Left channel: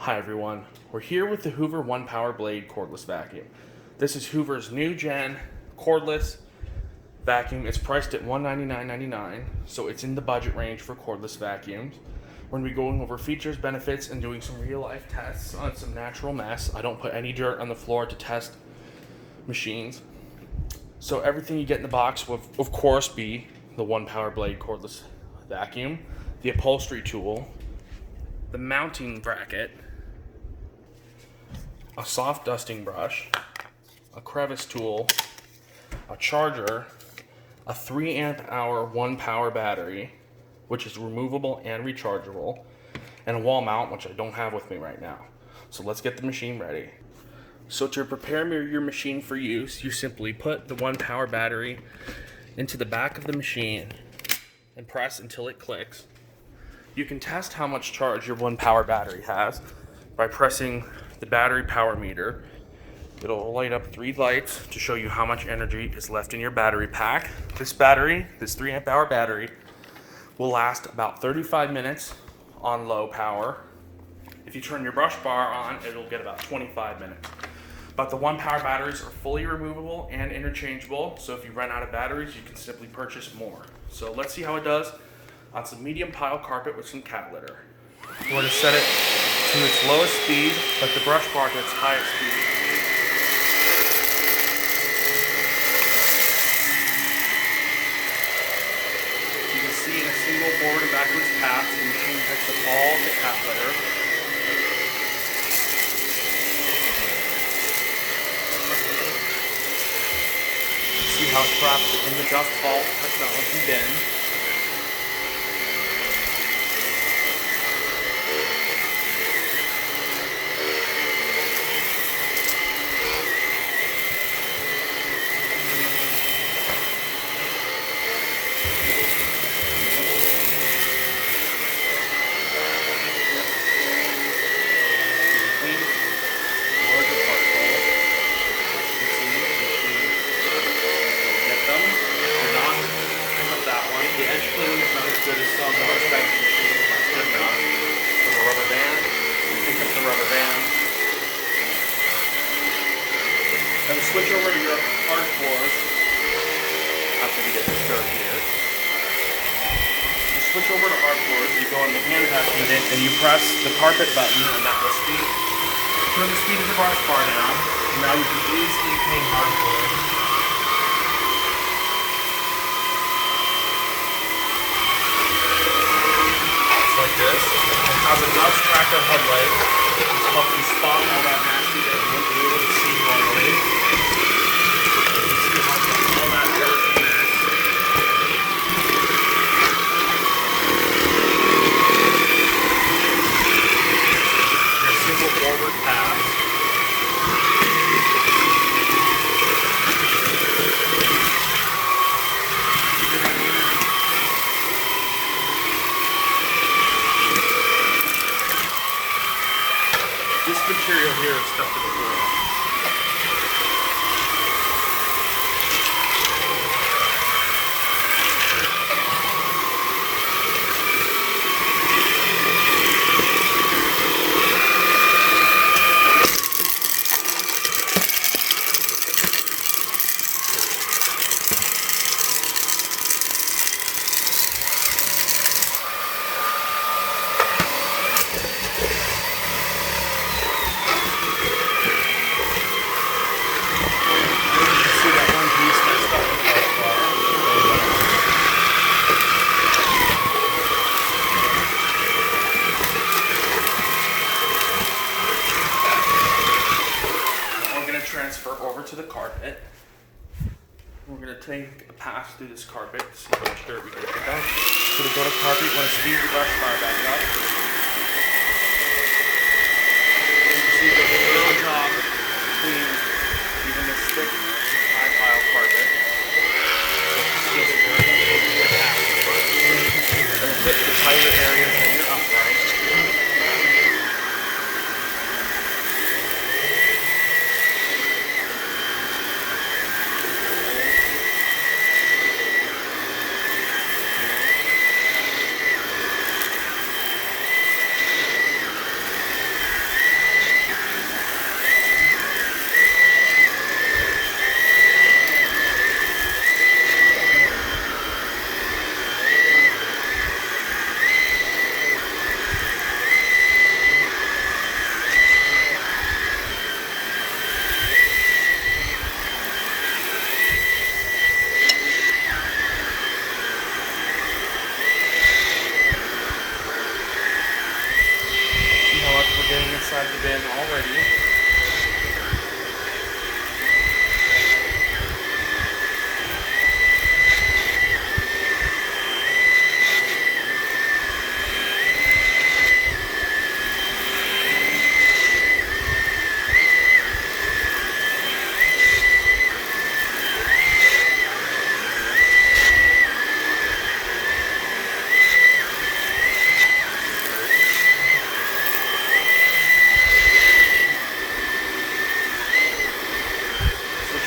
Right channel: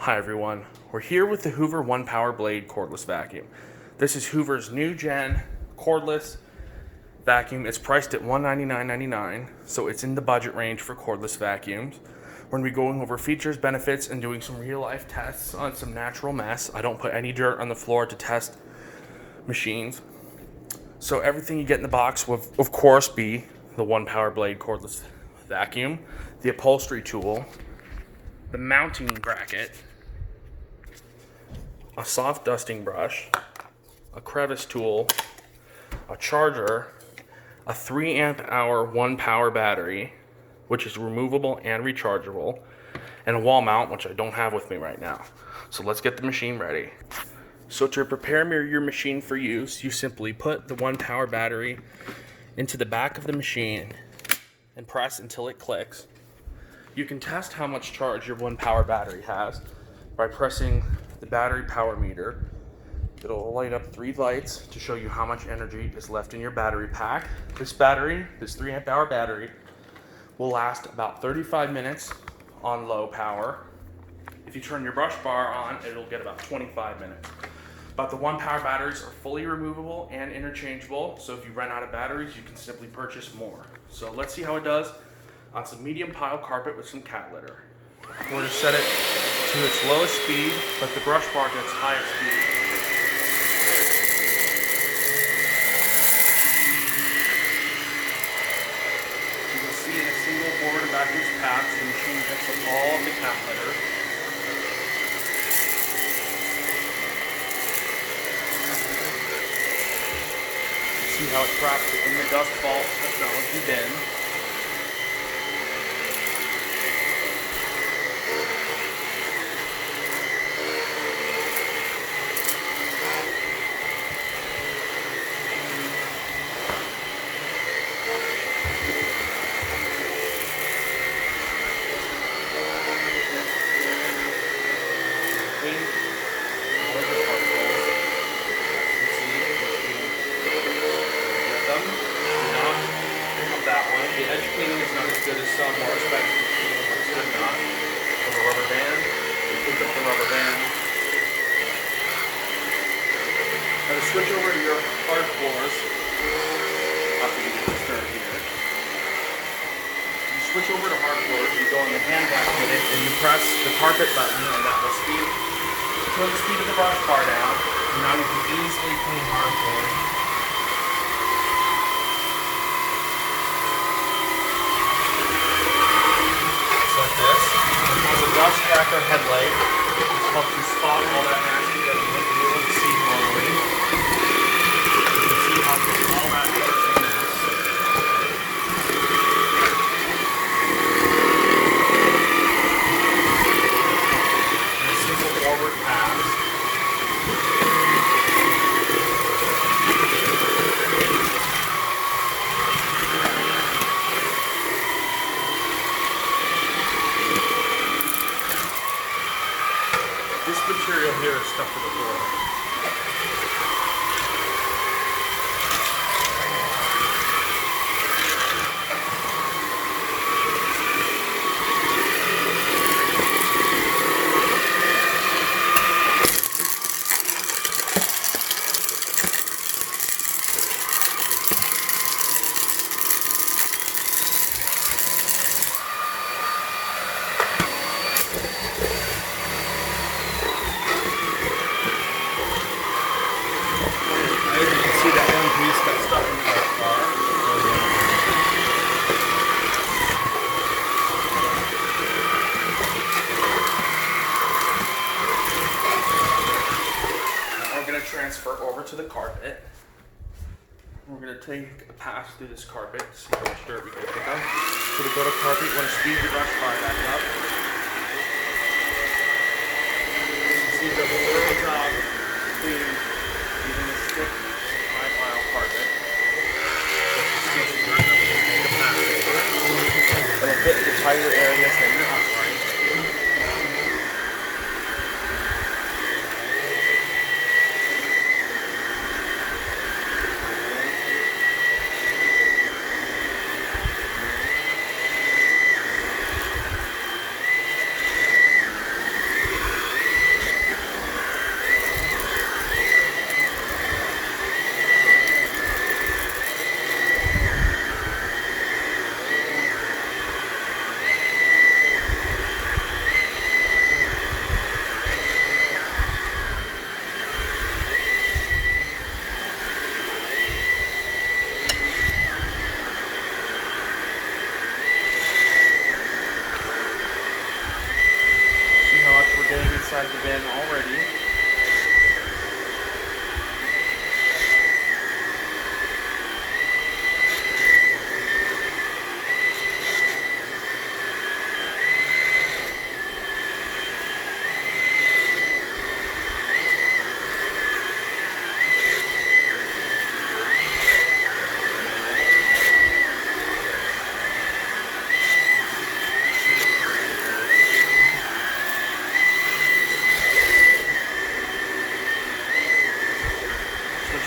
Hi everyone, we're here with the Hoover One Power Blade cordless vacuum. This is Hoover's new gen cordless vacuum. It's priced at $199.99, so it's in the budget range for cordless vacuums. We're going to be going over features, benefits, and doing some real life tests on some natural mess. I don't put any dirt on the floor to test machines. So everything you get in the box will of course be the One Power Blade cordless vacuum, the upholstery tool, the mounting bracket, a soft dusting brush, a crevice tool, a charger, a 3 amp hour 1 power battery, which is removable and rechargeable, and a wall mount, which I don't have with me right now. So let's get the machine ready. So to prepare your machine for use, you simply put the 1 power battery into the back of the machine and press until it clicks. You can test how much charge your 1 power battery has by pressing the battery power meter. It'll light up 3 lights to show you how much energy is left in your battery pack. This 3 amp hour battery, will last about 35 minutes on low power. If you turn your brush bar on, it'll get about 25 minutes. But the 1 power batteries are fully removable and interchangeable, so if you run out of batteries, you can simply purchase more. So let's see how it does on some medium pile carpet with some cat litter. I'm going to set it to its lowest speed, but the brush bar to its higher speed. You can see in a single forward and backwards pass, the machine picks up all of the cat litter. See how it traps it in the dust vault technology bin. The edge cleaning is not as good as some more expensive machines, but it's good enough. With a rubber band, you pick up the rubber band. Now to switch over to your hard floors, after you get started here, you switch over to hard floors, you go on the hand vacuum unit, and you press the carpet button, and that will turn the speed of the brush bar down, and now you can easily clean hard floors. Like this. It has a dust tracker headlight. It's helped you spot all that nasty that you wouldn't be able to see normally. You can see how all that dirt in this. A simple forward pass. This material here is stuck to the floor. Transfer over to the carpet. We're going to take a pass through this carpet to see how much dirt we can pick up. So to go to carpet, you want to speed the brush bar back up. You can see it does a really good job cleaning even this thick high pile carpet. So it's dirt up over the pass over. It'll fit the tighter areas than your upright. getting inside the bin already.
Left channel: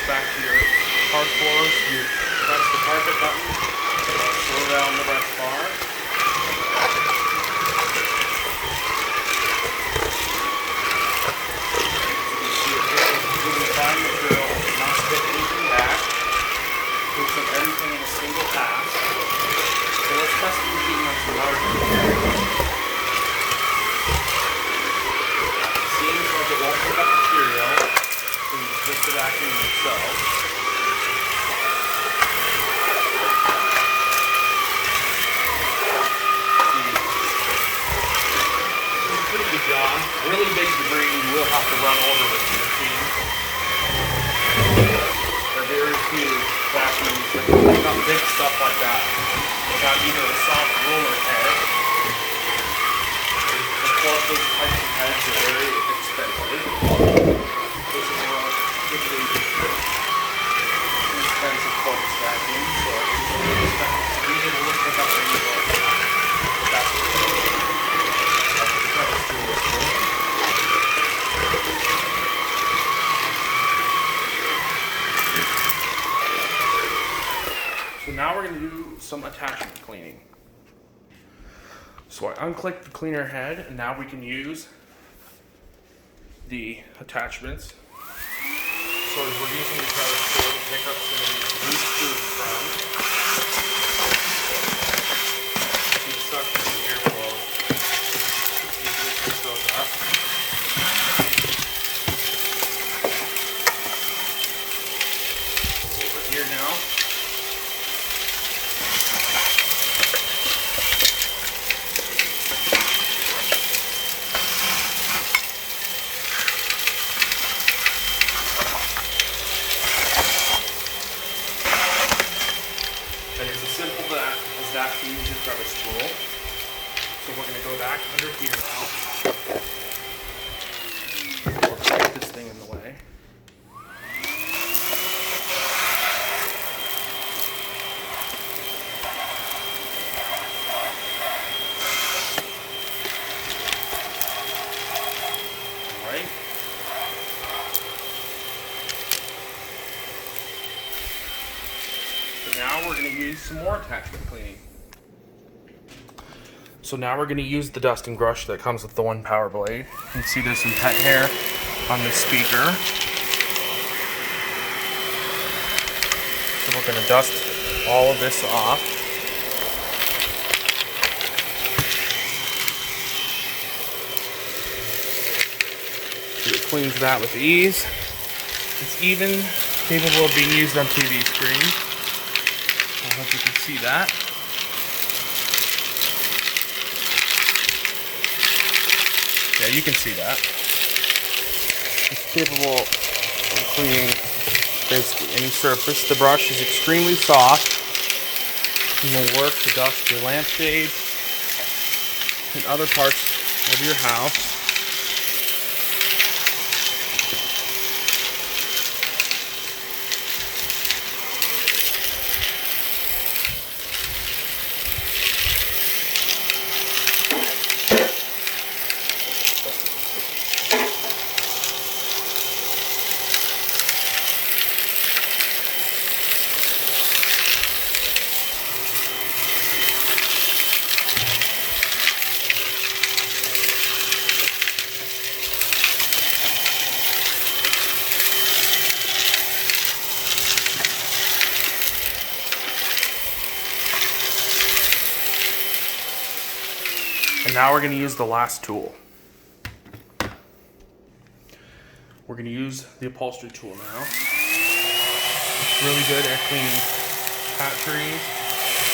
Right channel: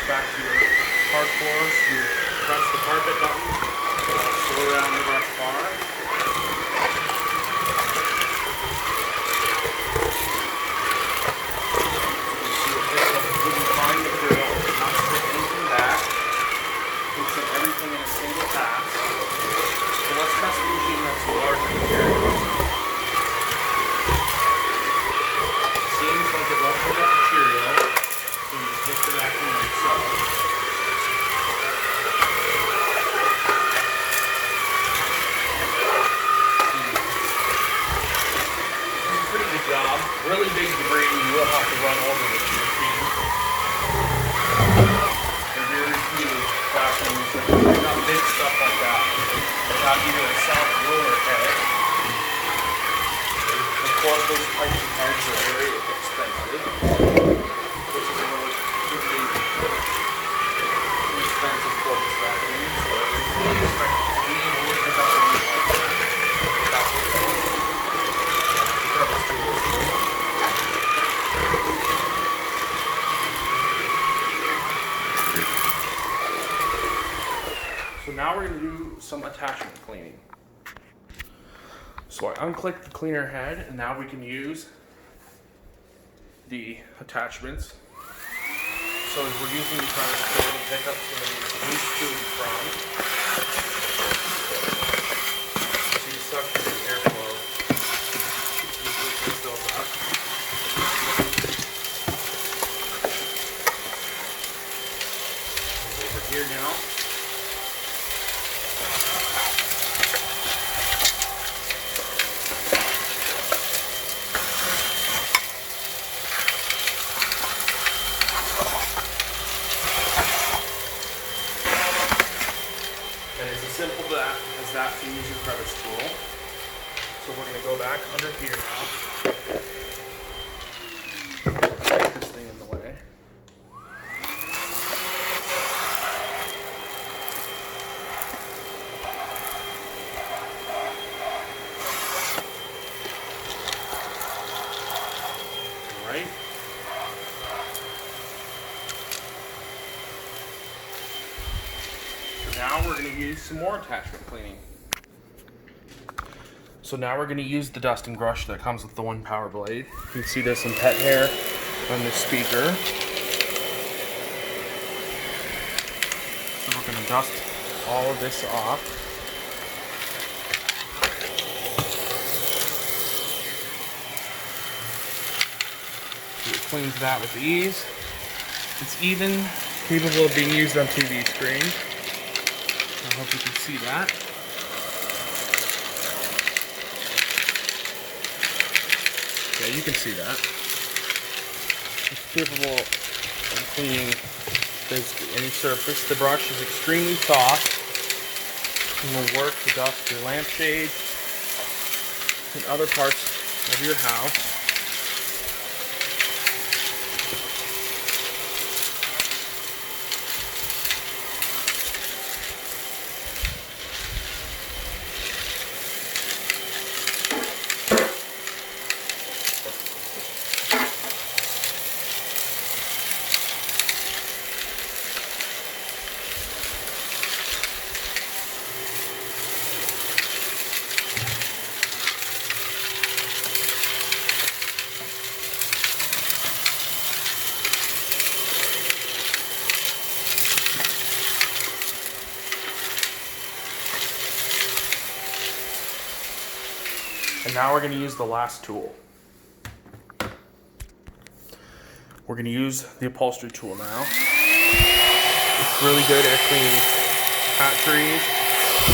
Back to your hard floors, you press the carpet button, go around the brush bar. You see it here, really fine material, not stick anything back, hooks up everything in a single pass. So let's test the machine that's larger here. Seems like it won't pick up material. So you just lift it back in like so. Pretty good job. Really big debris you will have to run over with the machine. They're very few vacuums that got big stuff like that. They have either a soft roller head. Of course, those types of heads are very expensive. This is a pretty expensive focus vacuum, so we expect it to be able to pick up any more of that. That's what it is. So now we're going to do some attachment cleaning. So I unclick the cleaner head, and now we can use the attachments. So we're using the cutter tool to pick up some of these loose screws from. See the suction and airflow easily picks those up. Over here now. And it's as simple as that to use your crevice tool. So we're going to go back under here now. We'll take this thing in the way. Alright. Now we're going to use some more attachment cleaning. So now we're going to use the dusting brush that comes with the Onepwr blade. You can see this in pet hair on the speaker. And we're going to dust all of this off. It cleans that with ease. It's even capable of being used on TV screens. I hope you can see that. Yeah, you can see that. It's capable of cleaning basically any surface. The brush is extremely soft and will work to dust your lampshades and other parts of your house. And now we're going to use the last tool. We're going to use the upholstery tool now. It's really good at cleaning cat trees,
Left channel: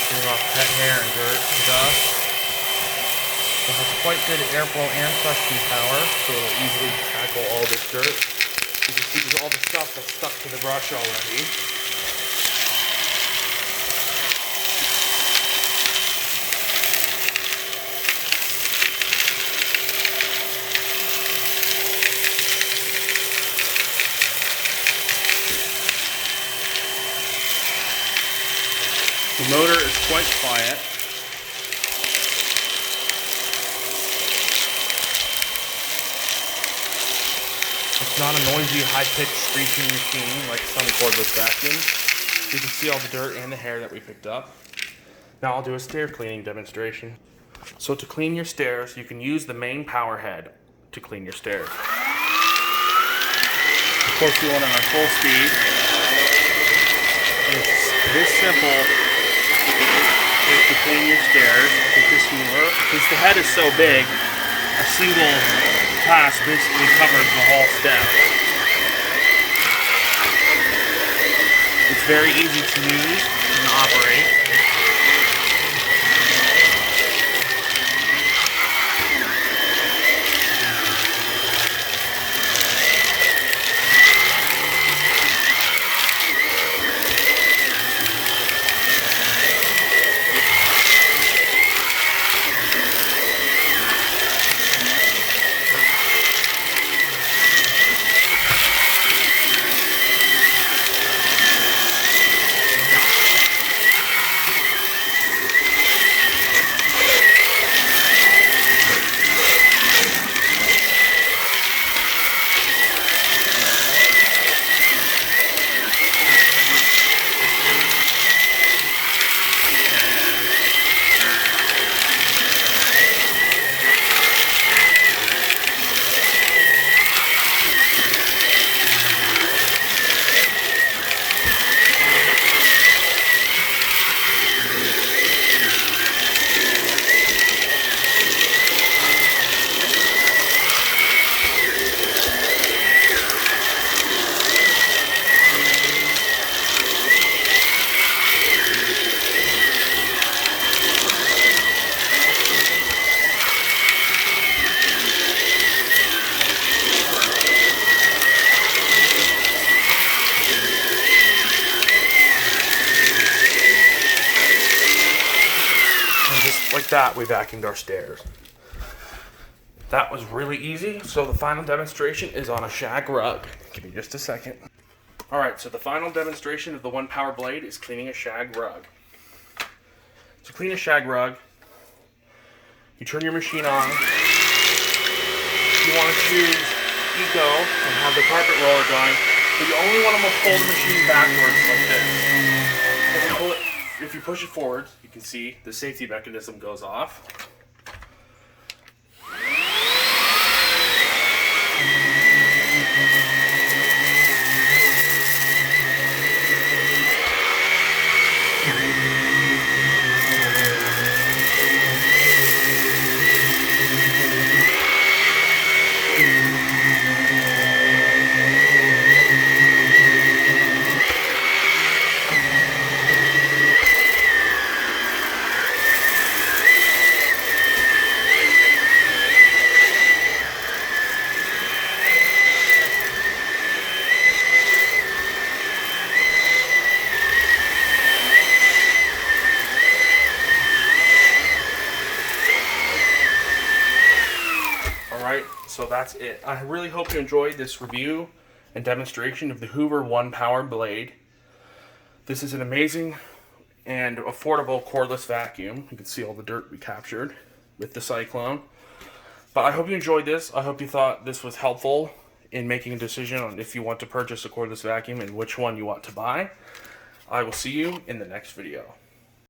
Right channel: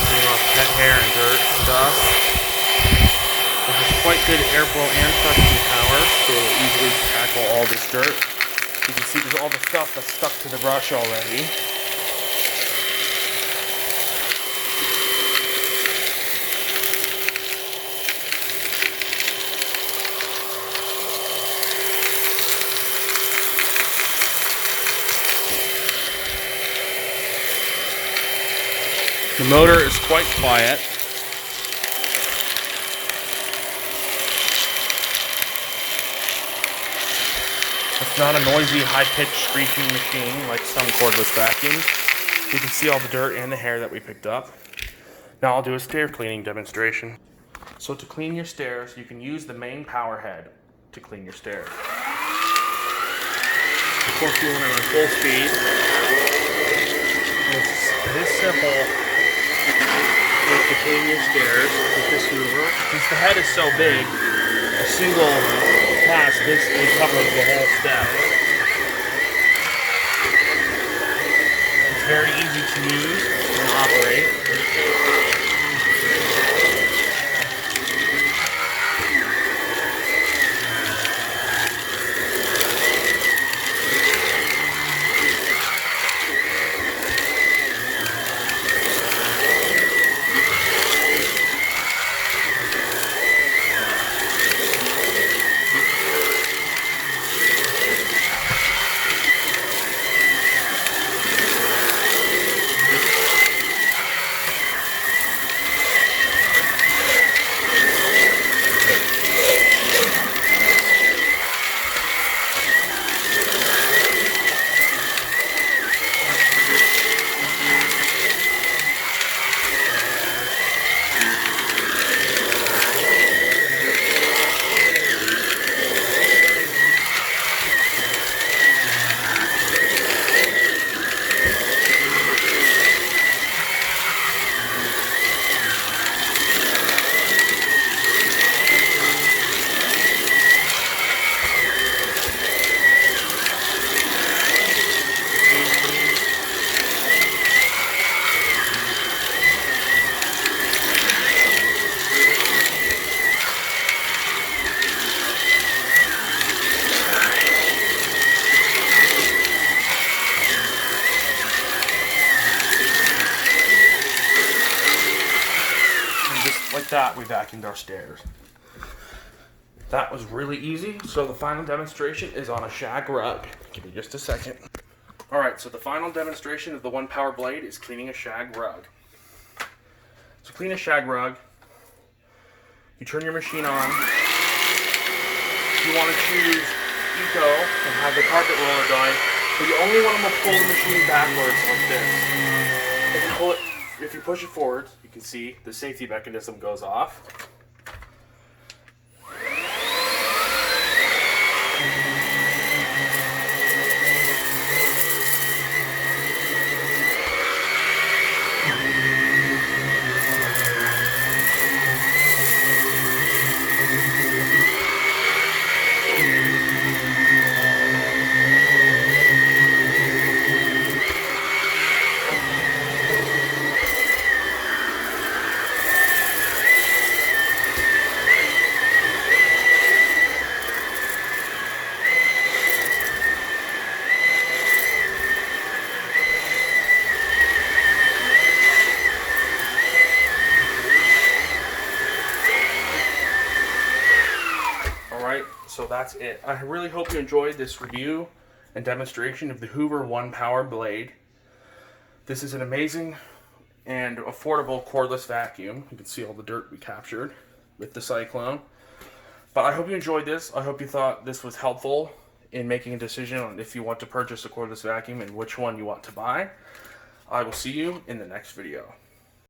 cleaning off pet hair and dirt and dust. quite good airflow and thrusting power, so it'll easily tackle all this dirt. You can see there's all the stuff that's stuck to the brush already. The motor is quite quiet. It's not a noisy, high-pitched, screeching machine like some cordless vacuums. You can see all the dirt and the hair that we picked up. Now I'll do a stair cleaning demonstration. So to clean your stairs, you can use the main power head to clean your stairs. Of course, you want them on full speed. It's this simple to clean your stairs with this Hoover. Since the head is so big, a single pass basically covers the whole step. It's very easy to use and operate. Like that, we vacuumed our stairs. That was really easy. So the final demonstration is on a Shag rug. Give me just a second. All right, so the final demonstration of the Onepwr blade is cleaning a Shag rug. To clean a Shag rug, you turn your machine on. You want to choose Eco and have the carpet roller going, but you only want to pull the machine backwards like this. If you push it forward, you can see the safety mechanism goes off. So that's it. I really hope you enjoyed this review and demonstration of the Hoover Onepwr blade. This is an amazing and affordable cordless vacuum. You can see all the dirt we captured with the Cyclone. But I hope you enjoyed this. I hope you thought this was helpful in making a decision on if you want to purchase a cordless vacuum and which one you want to buy. I will see you in the next video.